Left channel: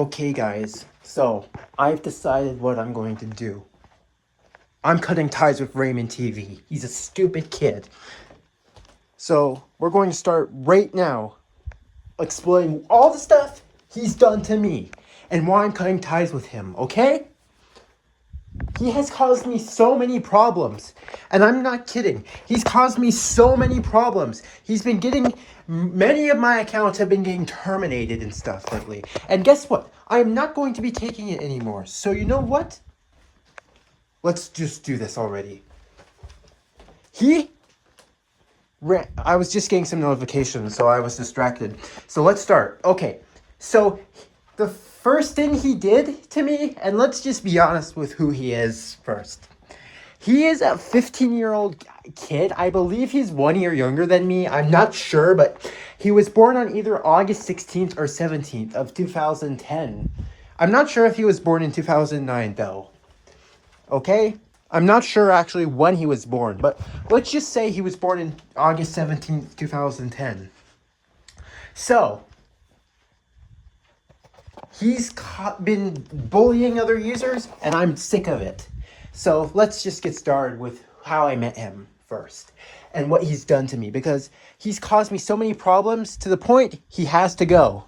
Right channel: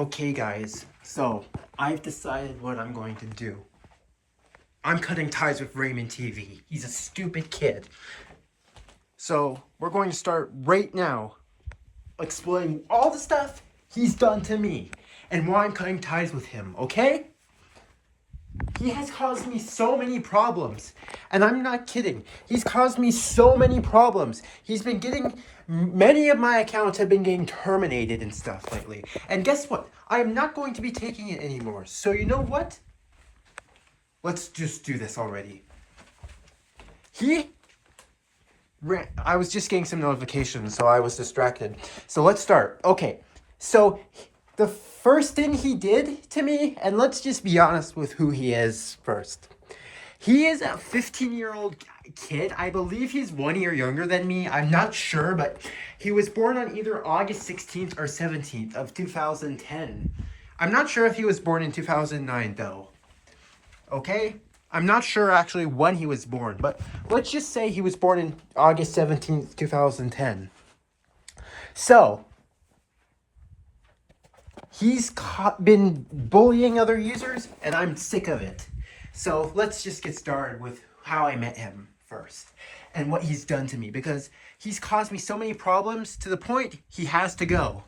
Okay, guys, so I've decided what I'm going to do. I'm cutting ties with Raymond TV. He's a stupid kid. So we're going to start right now explaining all the stuff he's done to me and why I'm cutting ties with him, okay? He has caused me so many problems. And I'm not kidding. He's caused me so many problems. He's been getting... Many of my accounts have been getting terminated and stuff lately. And guess what? I am not going to be taking it anymore. So you know what? Let's just do this already. I was just getting some notifications, so I was distracted. So let's start. Okay, so the first thing he did to me, and let's just be honest with who he is first. He is a 15-year-old kid. I believe he's 1 year younger than me. I'm not sure, but he was born on either August 16th or 17th of 2010. I'm not sure if he was born in 2009, though. Okay? I'm not sure actually when he was born, but let's just say he was born in August 17th, 2010. So, he's been bullying other users, and I'm sick of it. So let's just get started with how I met him first and what he's done to me, because he's caused me so many problems to the point he has to go.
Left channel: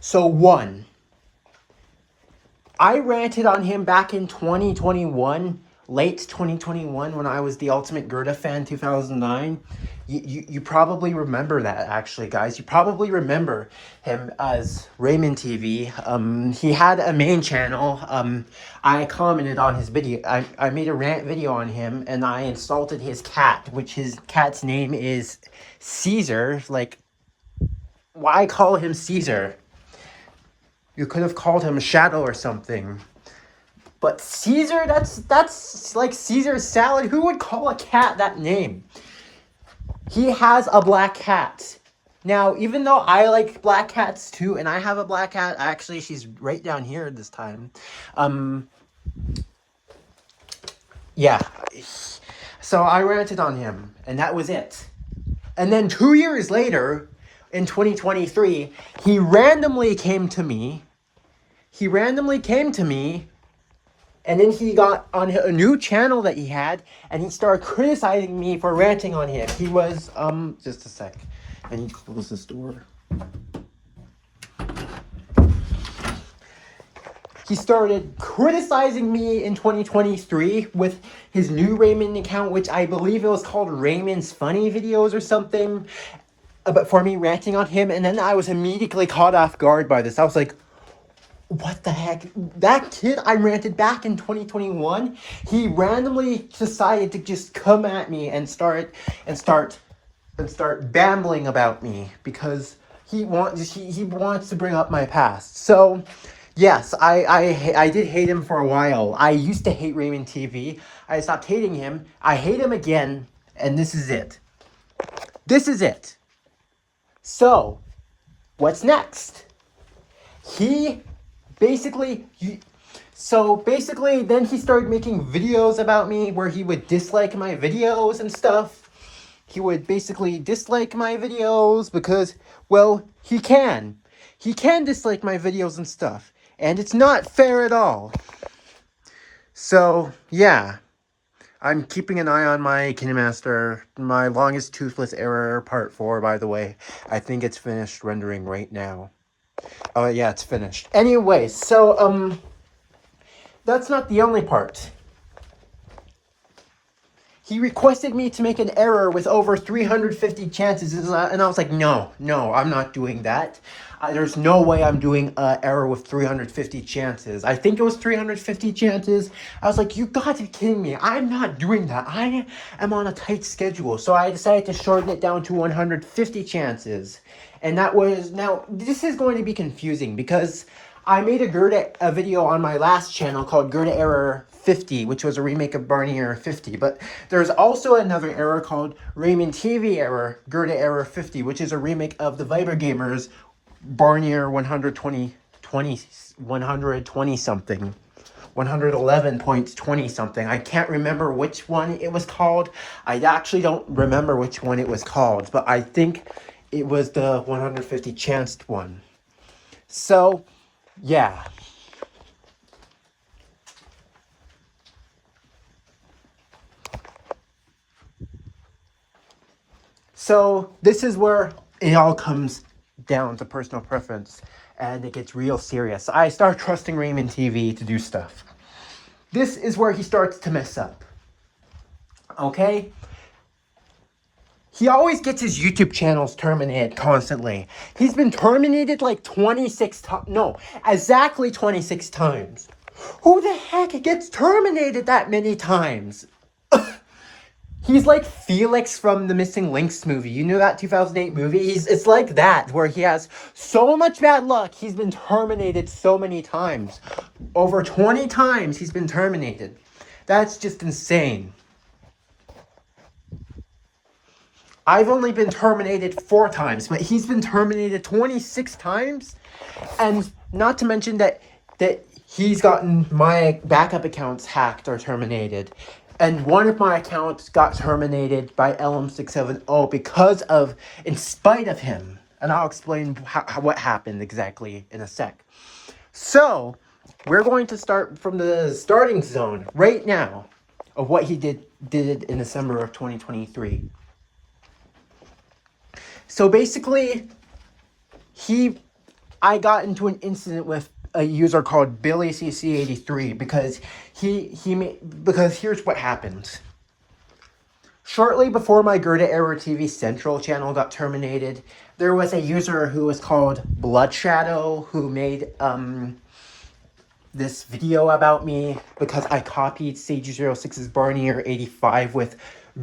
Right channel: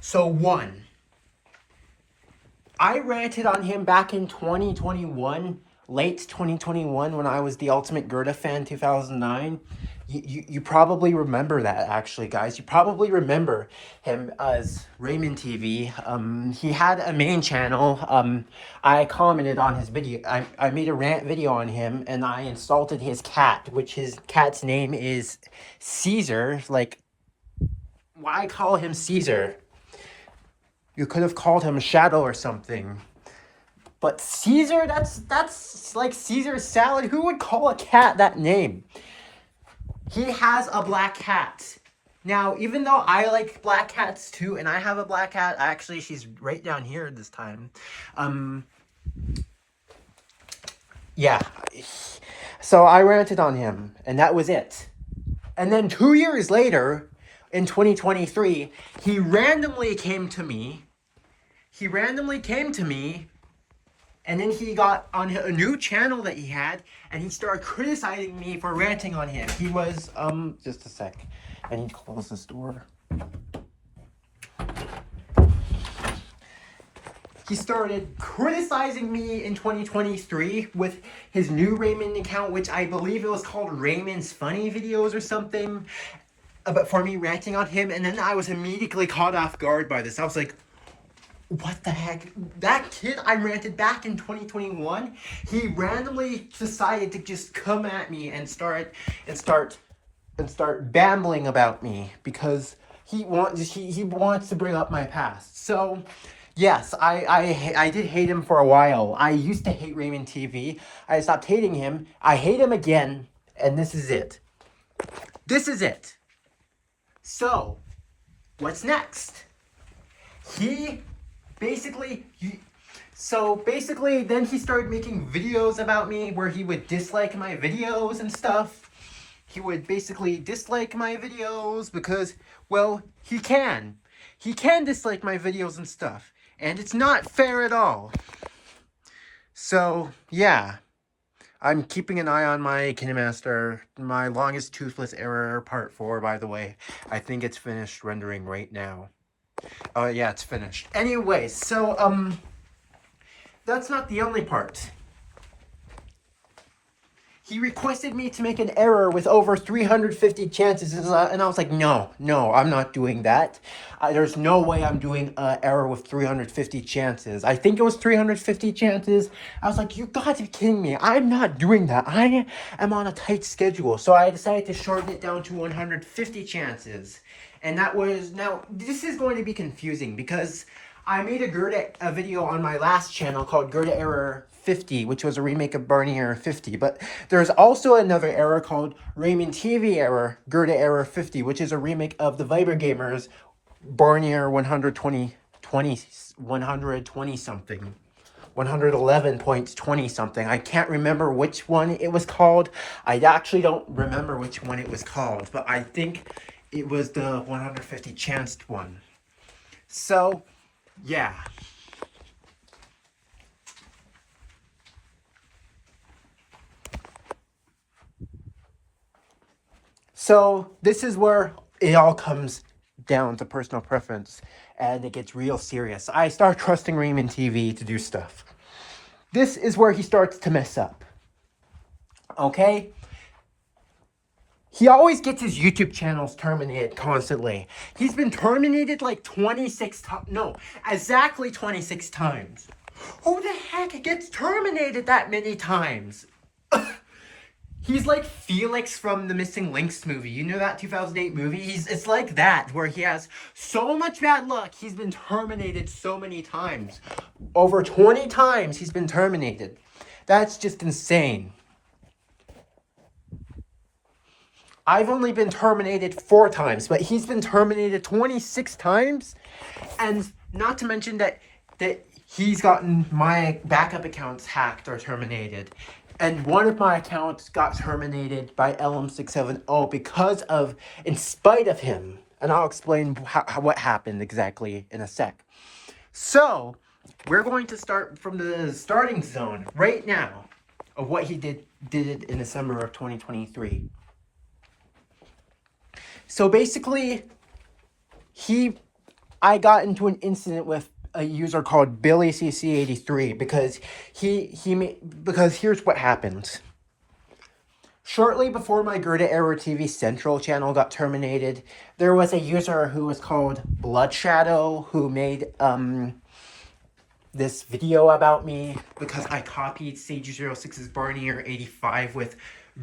So 1, I ranted on him back in 2021, late 2021, when I was the Ultimate Gerda fan 2009. You probably remember that, actually, guys. You probably remember him as Raymond TV. He had a main channel. I commented on his video. I made a rant video on him, and I insulted his cat, which his cat's name is Caesar. Like, why call him Caesar? You could have called him Shadow or something. But Caesar, that's like Caesar salad. Who would call a cat that name? He has a black cat. Now, even though I like black cats too, and I have a black cat, actually, she's right down here this time. Yeah. So I ranted on him, and that was it. And then 2 years later, in 2023, he randomly came to me. And then he got on a new channel that he had, and he started criticizing me for ranting on him. He was, just a sec. I need to close this door. He started criticizing me in 2023 with his new Raymond account, which I believe it was called Raymond's Funny Videos or something, but for me ranting on him. And then I was immediately caught off guard by this. I was like, what the heck? That kid I ranted back in 2021, he randomly decided to just come at me and start babbling about me because he wants to bring up my past. So, yes, I did hate him for a while. I used to hate Raymond TV. I stopped hating him. I hate him again, and this is it. So, what's next? Basically, then he started making videos about me where he would dislike my videos and stuff. He would basically dislike my videos because, well, he can. He can dislike my videos and stuff. And it's not fair at all. So, yeah. I'm keeping an eye on my KineMaster. My longest toothless error, part 4, by the way. I think it's finished rendering right now. Oh, yeah, it's finished. Anyway, so, that's not the only part. He requested me to make an error with over 350 chances, and I was like, no, I'm not doing that. There's no way I'm doing an error with 350 chances. I think it was 350 chances. I was like, you gotta be kidding me. I'm not doing that. I am on a tight schedule, so I decided to shorten it down to 150 chances. And that was, now, this is going to be confusing because I made a video on my last channel called Gerda Error 50, which was a remake of Barney Error 50. But there's also another error called Raymond TV Error, Gerda Error 50, which is a remake of the Viber Gamers Barney Error 120 something. 111.20 something. I can't remember which one it was called. I actually don't remember which one it was called, but I think it was the 150 chanced one. So, yeah. So this is where it all comes down to personal preference, and it gets real serious. I start trusting Raymond TV to do stuff. This is where he starts to mess up. Okay? He always gets his YouTube channels terminated constantly. He's been terminated like 26 times. No, exactly 26 times. Who the heck gets terminated that many times? He's like Felix from the Missing Links movie. You know that 2008 movie? It's like that, where he has so much bad luck. He's been terminated so many times. Over 20 times he's been terminated. That's just insane. I've only been terminated 4 times, but he's been terminated 26 times. And not to mention that he's gotten my backup accounts hacked or terminated. And one of my accounts got terminated by LM670 because of, in spite of him. And I'll explain what happened exactly in a sec. So, we're going to start from the starting zone right now of what he did in December of 2023. So basically, I got into an incident with a user called BillyCC83 because because here's what happened. Shortly before my Gerda Error TV Central channel got terminated, there was a user who was called Blood Shadow who made this video about me because I copied Sage06's Barnier 85 with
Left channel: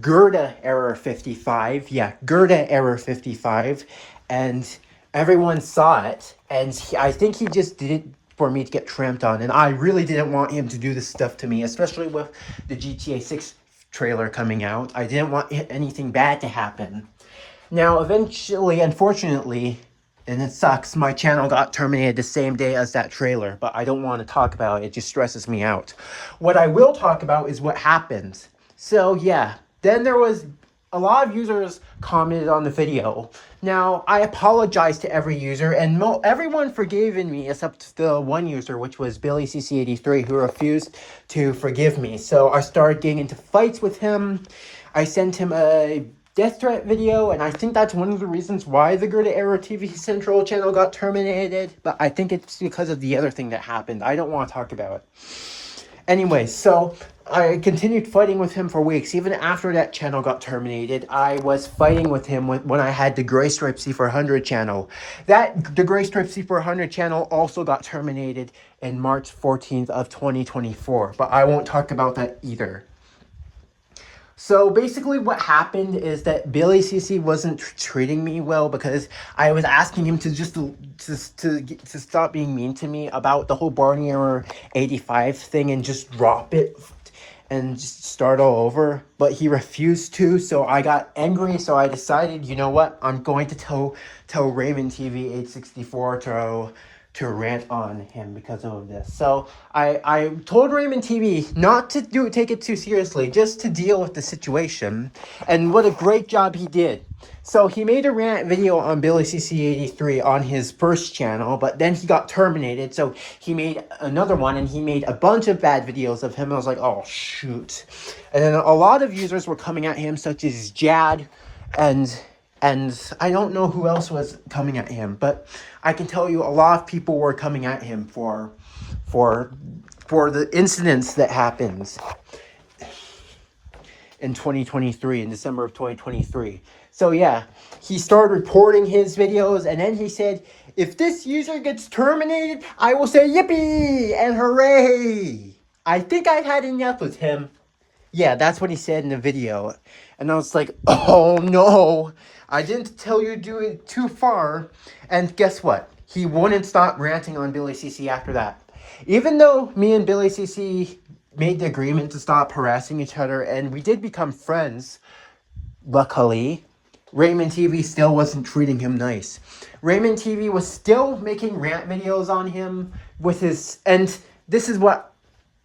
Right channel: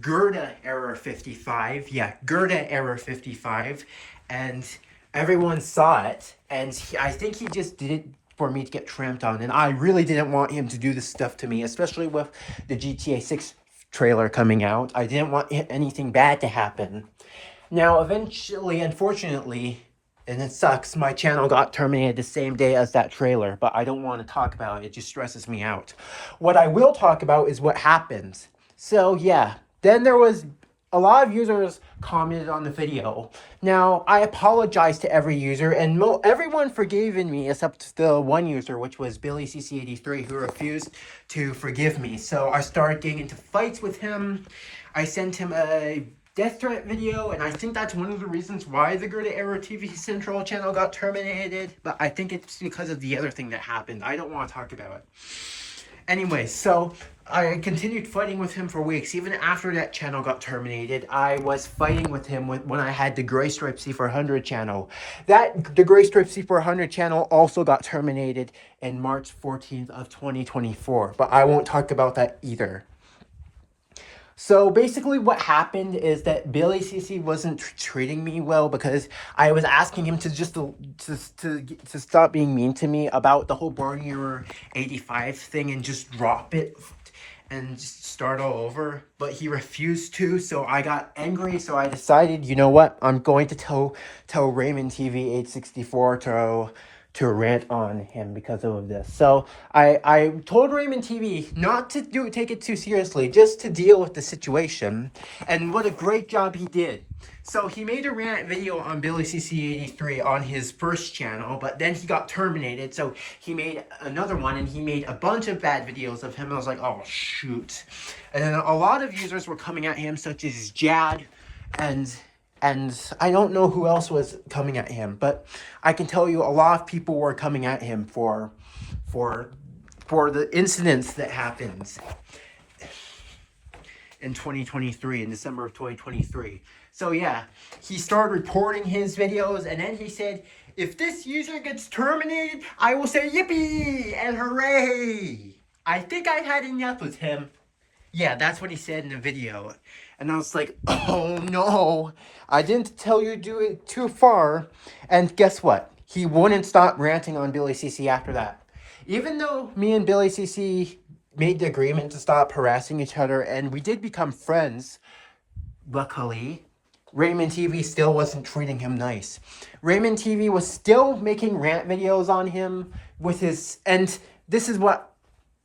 Gerda Error 55. Yeah, Gerda Error 55. And everyone saw it, and I think he just did it for me to get tramped on, and I really didn't want him to do this stuff to me, especially with the GTA 6 trailer coming out. I didn't want anything bad to happen. Now, eventually, unfortunately, and it sucks, my channel got terminated the same day as that trailer, but I don't want to talk about it. It just stresses me out. What I will talk about is what happened. So, yeah, then there was a lot of users commented on the video. Now, I apologize to every user, and everyone forgave me except the one user, which was BillyCC83, who refused to forgive me. So I started getting into fights with him. I sent him a death threat video, and I think that's one of the reasons why the Gerda Error TV Central channel got terminated. But I think it's because of the other thing that happened. I don't want to talk about it. Anyway, so I continued fighting with him for weeks. Even after that channel got terminated, I was fighting with him when I had the Gray Stripe C400 channel. The Gray Stripe C400 channel also got terminated in March 14th of 2024, but I won't talk about that either. So basically what happened is that BillyCC wasn't treating me well because I was asking him to stop being mean to me about the whole Barnier 85 thing and just drop it and just start all over. But he refused to, so I got angry, so I decided, you know what, I'm going to tell Raymond TV 864 to rant on him because of this. So I told Raymond TV not to take it too seriously, just to deal with the situation. And what a great job he did. So he made a rant video on BillyCC83 on his first channel, but then he got terminated. So he made another one, and he made a bunch of bad videos of him. I was like, oh, shoot. And then a lot of users were coming at him, such as Jag and I don't know who else was coming at him, but I can tell you a lot of people were coming at him for the incidents that happened in 2023, in December of 2023. So yeah, he started reporting his videos, and then he said, if this user gets terminated, I will say yippee and hooray. I think I had enough with him. Yeah, that's what he said in the video. And I was like, oh no. I didn't tell you to do it too far. And guess what? He wouldn't stop ranting on BillyCC after that. Even though me and BillyCC made the agreement to stop harassing each other, and we did become friends, luckily, Raymond TV still wasn't treating him nice. Raymond TV was still making rant videos on him with his... And this is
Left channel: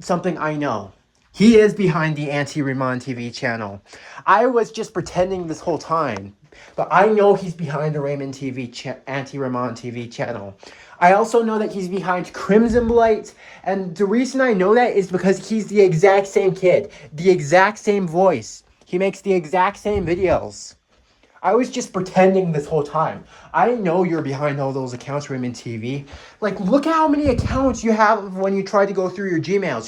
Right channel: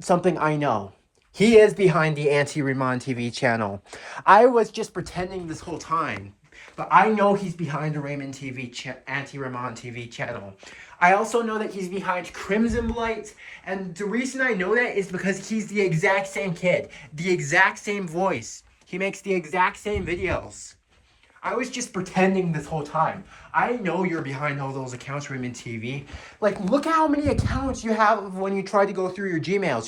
something I know. He is behind the Anti RamonTV channel. I was just pretending this whole time. but I know he's behind the Raymond TV, Anti RamonTV channel. I also know that he's behind Crimson Blight, and the reason I know that is because he's the exact same kid, the exact same voice. He makes the exact same videos. I was just pretending this whole time. I know you're behind all those accounts, Raymond TV. Like, look at how many accounts you have when you try to go through your Gmails.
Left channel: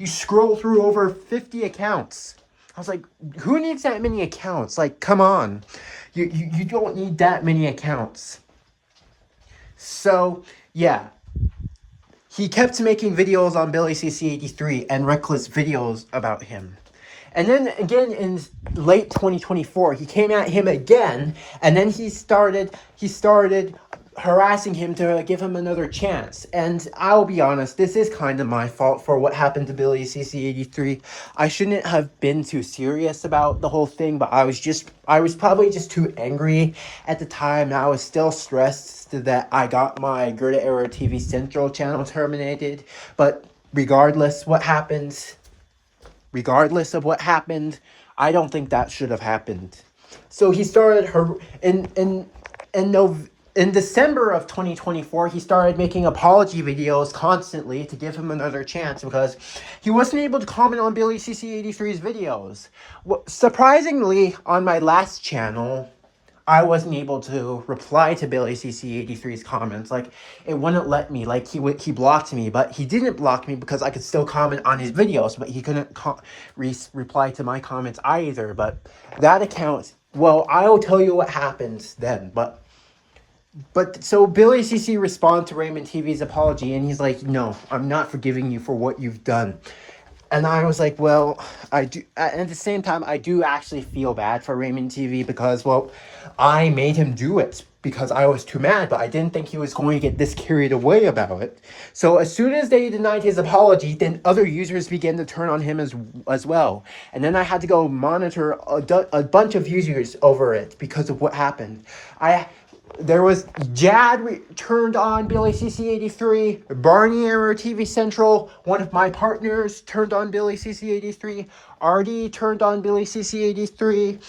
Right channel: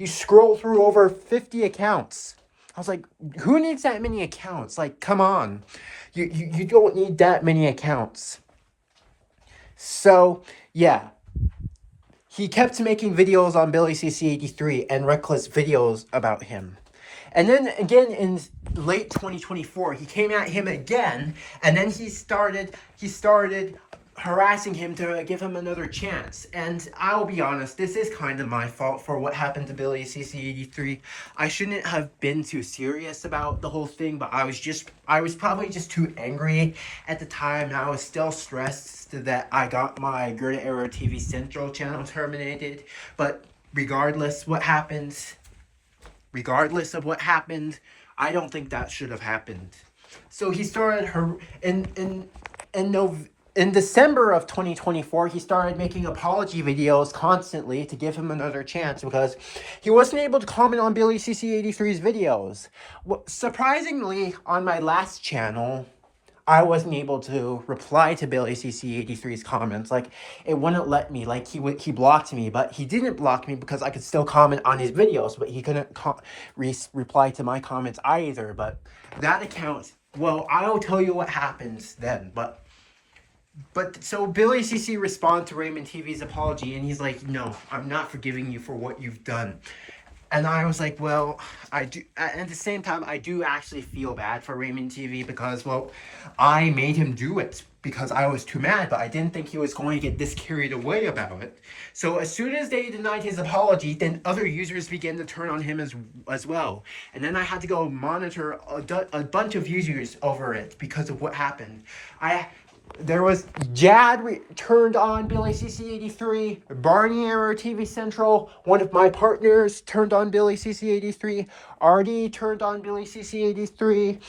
You scroll through over 50 accounts. I was like, who needs that many accounts? Like, come on. You don't need that many accounts. So, yeah. He kept making videos on BillyCC83 and reckless videos about him. And then again in late 2024, he came at him again, and then he started harassing him to give him another chance. And I'll be honest, this is kind of my fault for what happened to BillyCC83. I shouldn't have been too serious about the whole thing, but I was probably just too angry at the time. I was still stressed that I got my Gerda Era TV Central channel terminated. But regardless of what happened, I don't think that should have happened. So he started in December of 2024, he started making apology videos constantly to give him another chance because he wasn't able to comment on BillyCC83's videos. Surprisingly, on my last channel, I wasn't able to reply to BillyCC83's comments. Like, it wouldn't let me. Like, he blocked me, but he didn't block me because I could still comment on his videos, but he couldn't reply to my comments either. But that account, well, I'll tell you what happens then. But so BillyCC responded to Raymond TV's apology, and he's like, no, I'm not forgiving you for what you've done. And I was like, well, I do. At the same time, I do actually feel bad for Raymond TV because, well, I made him do it because I was too mad, but I didn't think he was going to get this carried away about it. So as soon as they denied his apology, then other users began to turn on him as well. And then I had to go monitor a bunch of users over it because of what happened. There was Jad turned on BillyCC83, Barney Error TV Central, one of my partners turned on BillyCC83, Artie turned on BillyCC83,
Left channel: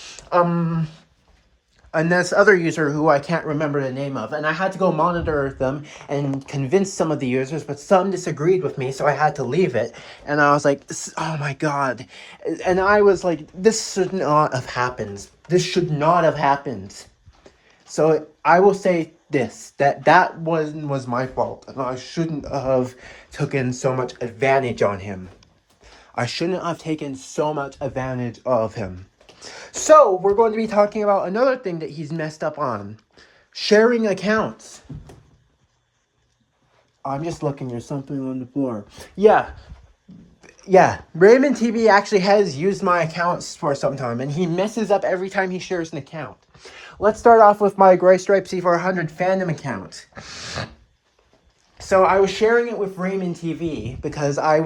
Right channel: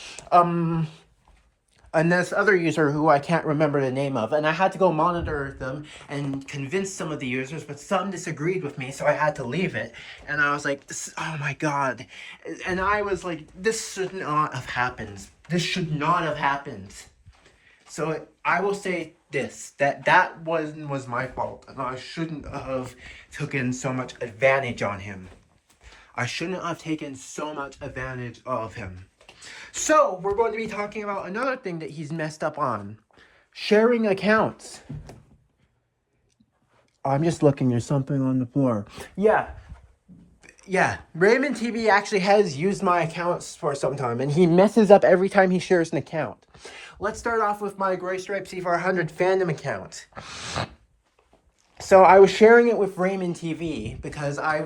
and this other user who I can't remember the name of, and I had to go monitor them and convince some of the users, but some disagreed with me, so I had to leave it, and I was like, oh my god, and I was like, this should not have happened. This should not have happened. So I will say this, that one was my fault, and I shouldn't have taken so much advantage on him. I shouldn't have taken so much advantage of him. So we're going to be talking about another thing that he's messed up on. Sharing accounts. I'm just looking, there's something on the floor. Yeah, Raymond TV actually has used my accounts for some time, and he messes up every time he shares an account. Let's start off with my Gray Stripe C400 fandom account. So I was sharing it with Raymond TV because I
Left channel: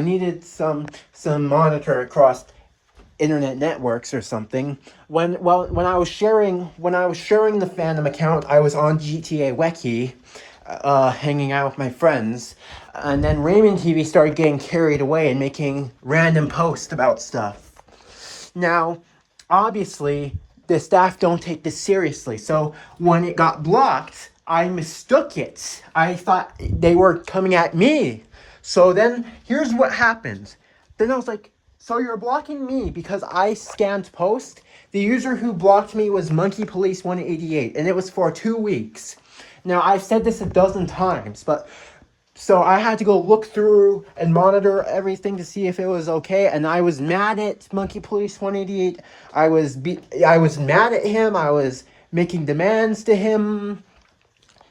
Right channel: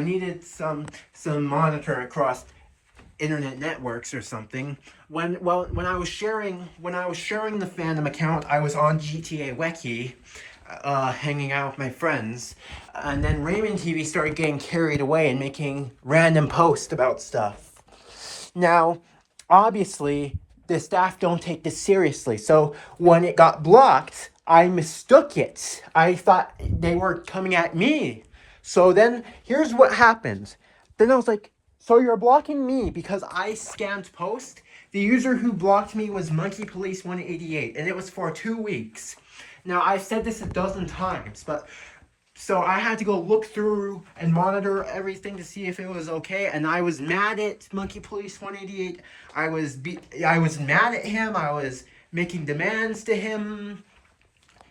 needed some monitor across internet networks or something. When I was sharing the fandom account, I was on GTA Weki, hanging out with my friends, and then Raymond TV started getting carried away and making random posts about stuff. Now, obviously, the staff don't take this seriously, so when it got blocked, I mistook it. I thought they were coming at me. So then, here's what happens. Then I was like, so you're blocking me because I scanned post? The user who blocked me was Monkey Police 188, and it was for 2 weeks. Now, I've said this a dozen times, but so I had to go look through and monitor everything to see if it was okay, and I was mad at Monkey Police 188. I was mad at him. I was making demands to him.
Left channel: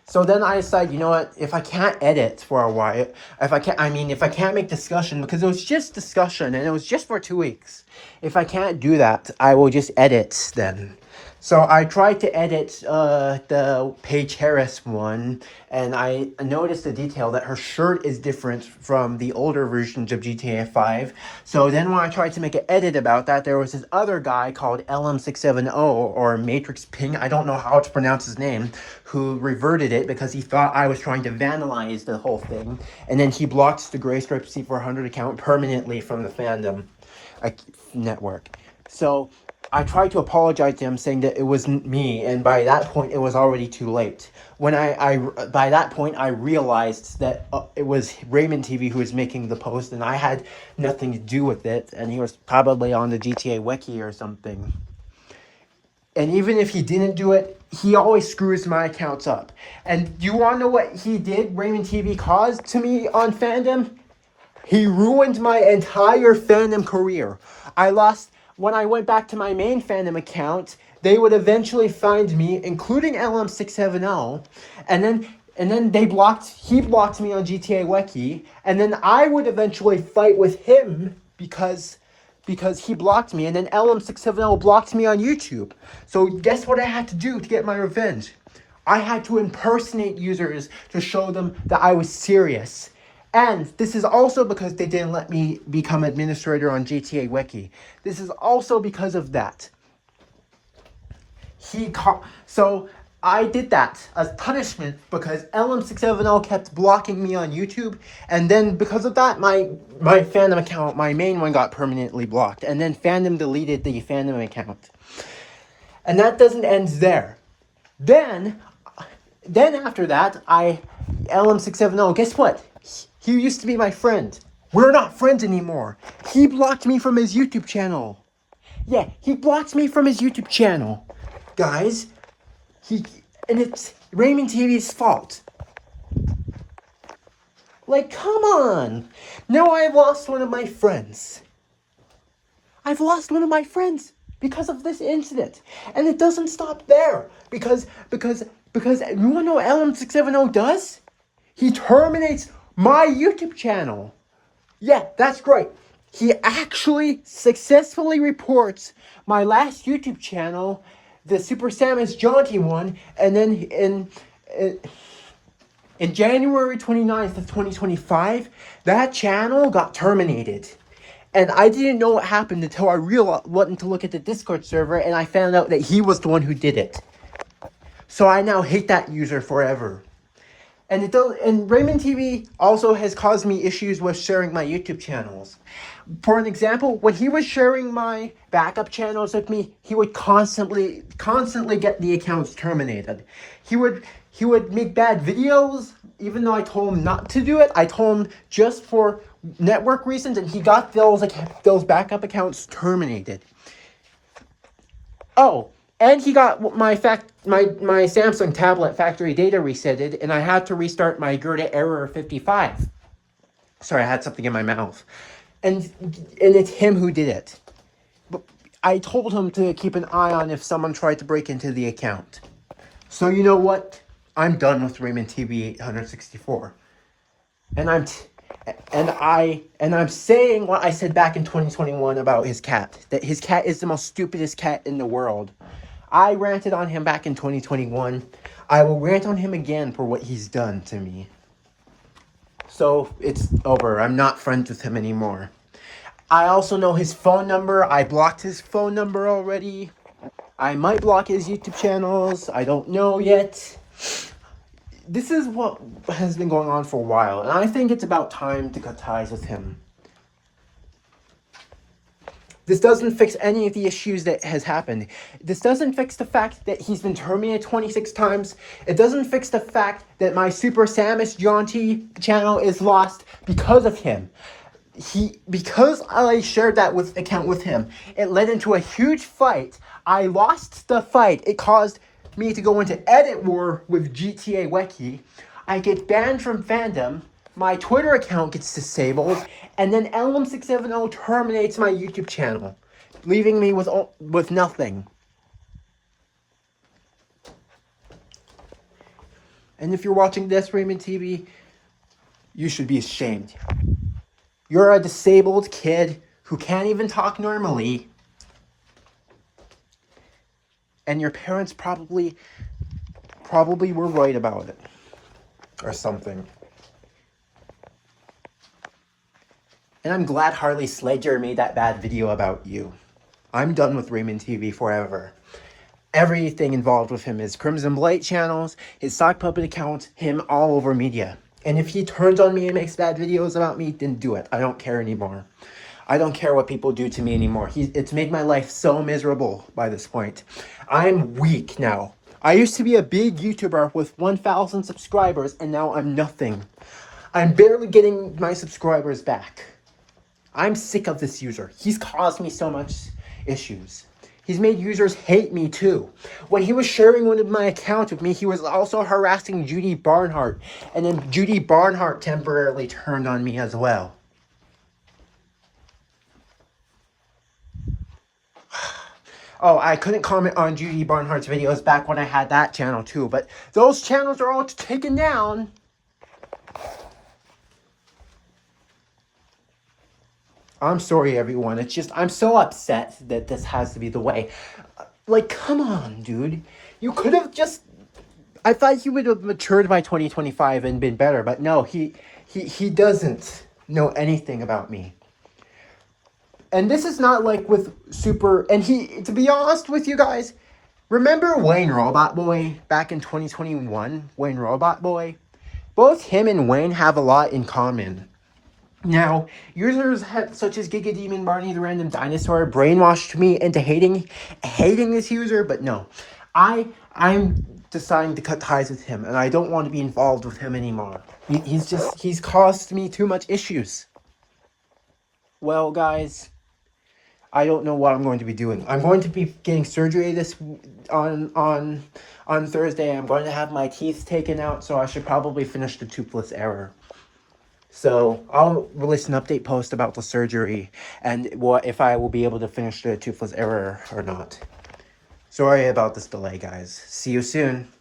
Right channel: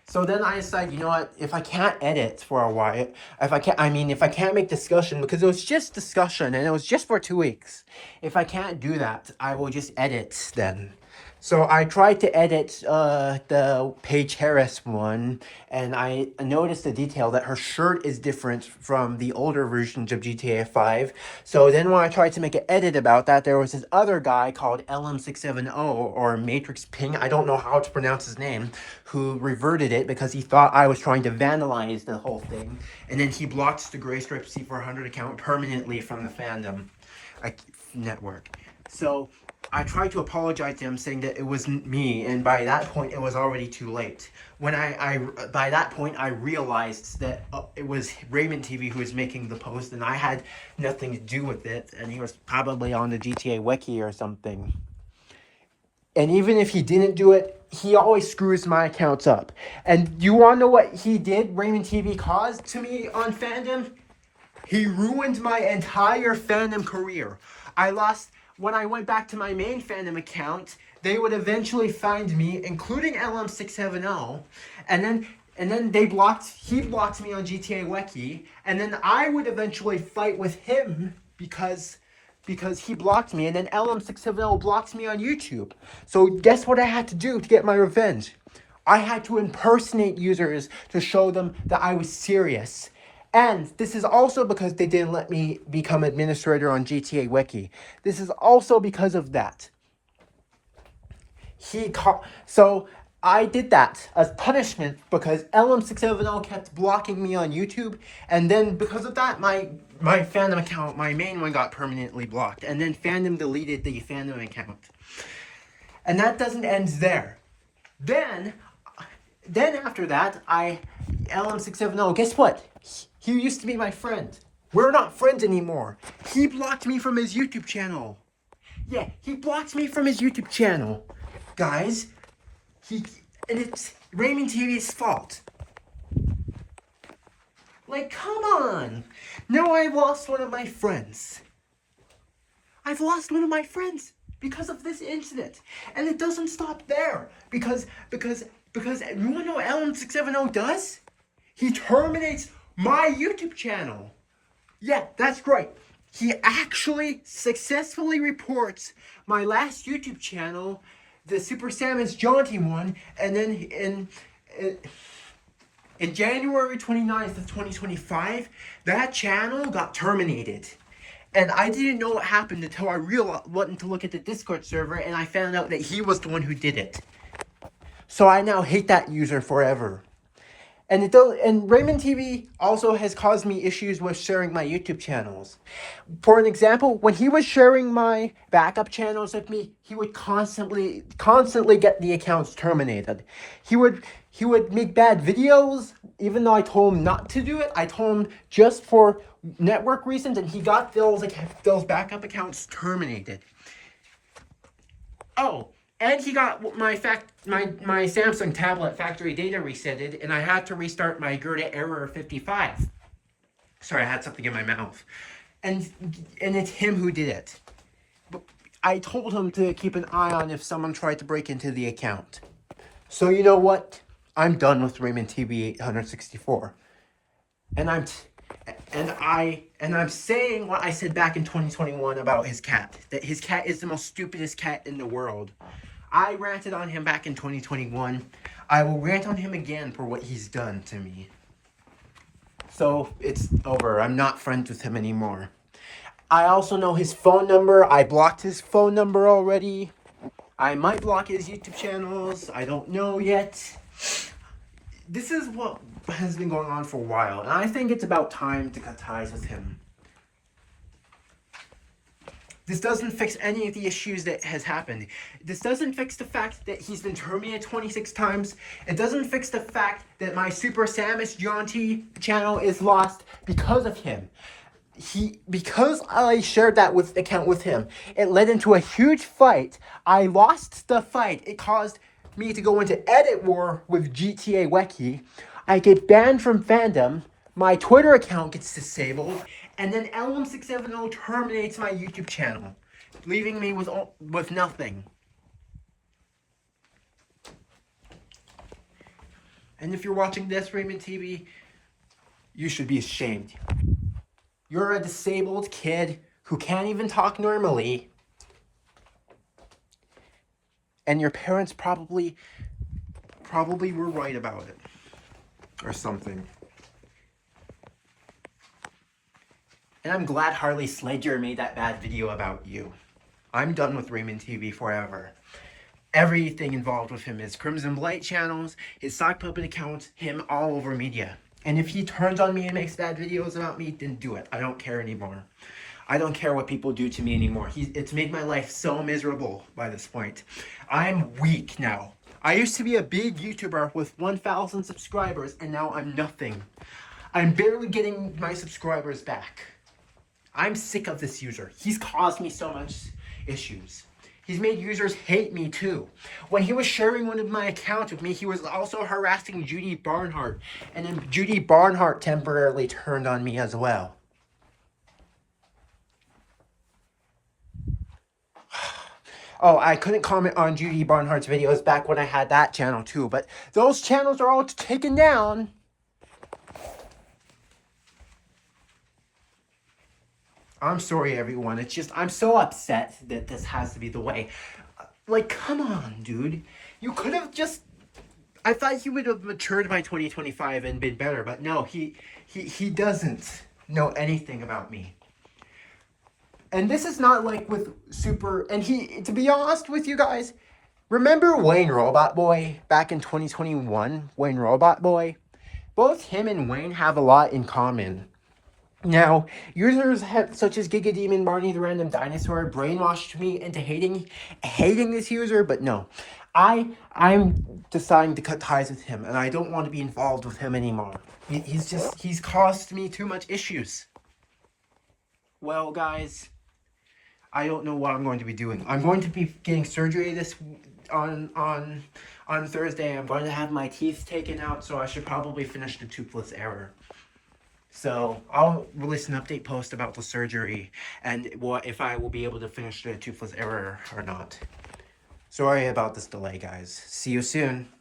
So then I decided, you know what, if I can't edit for a while, if I can't make discussion, because it was just discussion, and it was just for 2 weeks. If I can't do that, I will just edit then. So I tried to edit the Paige Harris one, and I noticed the detail that her shirt is different from the older versions of GTA 5. So then when I tried to make an edit about that, there was this other guy called LM670, or Matrix Ping, I don't know how to pronounce his name, who reverted it because he thought I was trying to vandalize the whole thing. And then he blocked the Gray Stripe C400 account permanently from the fandom network. So I tried to apologize to him, saying that it wasn't me, and by that point, it was already too late. When by that point, I realized that it was Raymond TV who was making the post, and I had nothing to do with it, and he was probably on the GTA Wiki or something. And even if he didn't do it, he always screws my accounts up. And you want to know what he did, Raymond TV caused to me on fandom? He ruined my entire fandom career. When I went back to my main fandom account, they would eventually find me, including LM670, and then he blocked me on GTA Wiki, and then I would eventually fight with him because he blocked me, and then LM670 blocked me on YouTube. So guess what I had to do to get my revenge? I had to impersonate users to show them that I was serious. And this is also because they didn't let me become administrator on GTA Wiki. This is also because of that. So I did that as punishment because LM670 kept blocking me on YouTube. And then because of that, my fandom account, my main one, got permanently blocked. And then fandom deleted the fandom account. And that doesn't end there. Then after that, LM670, guess what? He used to be my friend. We're not friends anymore. He blocked me from his YouTube channel. Yeah, he blocked me from his YouTube channel. Guys, and it's Raymond TV's fault. Like, come on. Now I've lost one of my friends. I've lost one of my friends because of this incident. And it doesn't stop there. Because you want to know what LM670 does? He terminates my YouTube channel. Yeah, that's right. He actually successfully reports my last YouTube channel, the Super Samus Jaunty one, and then in January 29th of 2025, that channel got terminated. And I didn't know what happened until I went to look at the Discord server, and I found out that he was the one who did it. So I now hate that user forever. And Raymond TV also has caused me issues with sharing my YouTube channels. For an example, when he was sharing my backup channels with me, he would constantly get the accounts terminated. He would make bad videos, even though I told him not to do it. I told him just for network reasons, and he got those backup accounts terminated. Oh, and he got my Samsung tablet factory data resetted, and I had to restart my Gerda Error 55. Sorry, I had something in my mouth. And it's him who did it. But I told him to keep an eye on if someone tried to break into the account. So you know what? I'm done with Raymond TV 864. And I'm saying what I said back in 2021 about his cat. That his cat is the most stupidest cat in the world. I ranted on him back in 2021. I will rant on him again for what he's done to me. So it's over. I'm not friends with him anymore. I also know his phone number. I blocked his phone number already. I might block his YouTube channels. I don't know yet. This is what has been going on for a while, and I think it's about time to cut ties with him. This doesn't fix any of the issues that has happened. This doesn't fix the fact that he's been terminated 26 times. It doesn't fix the fact that my Super Samus Jaunty channel is lost because of him. Because I shared that account with him, it led into a huge fight. I lost the fight. It caused me to go into edit war with GTA Wiki. I get banned from fandom. My Twitter account gets disabled. And then LM670 terminates my YouTube channel, leaving me with nothing. And if you're watching this, Raymond TV, you should be ashamed. You're a disabled kid who can't even talk normally. And your parents probably were right about it. Or something. And I'm glad Harley Sledger made that bad video about you. I'm done with Raymond TV forever. Everything involved with him, his Crimson Blight channels, his sock puppet accounts, him all over media. And if he turns on me and makes bad videos about me, then do it. I don't care anymore. I don't care what people do to me anymore. It's made my life so miserable by this point. I'm weak now. I used to be a big YouTuber with 1,000 subscribers, and now I'm nothing. I'm barely getting my subscribers back. I'm sick of this user. He's caused me so much issues. He's made users hate me too. When he was sharing one of my accounts with me, he was also harassing Judy Barnhart. And then Judy Barnhart temporarily turned on me as well. Oh, I couldn't comment on Judy Barnhart's videos back when I had that channel too, but those channels are all taken down. I'm sorry, everyone. It's just, I'm so upset that this has to be the way. Like, come on, dude. You could have just... I thought he would have matured by 2025 and been better, but no, he doesn't know anything about me. And this is not like with Super... And to be honest with you guys, remember Wayne Robot Boy back in 2021? Wayne Robot Boy? Both him and Wayne have a lot in common. Now, users such as Giga Demon Barney the Random Dinosaur brainwashed me into hating this user, but no. I'm deciding to cut ties with him, and I don't want to be involved with him anymore. He's caused me too much issues. Well, guys, I don't know what I'm going to be doing. I'm going to be getting surgery on Thursday. I'm going to have my teeth taken out, so I should probably finish the toothless error. So I'll release an update post about the surgery and if I will be able to finish the toothless error or not. Sorry about this delay, guys. See you soon.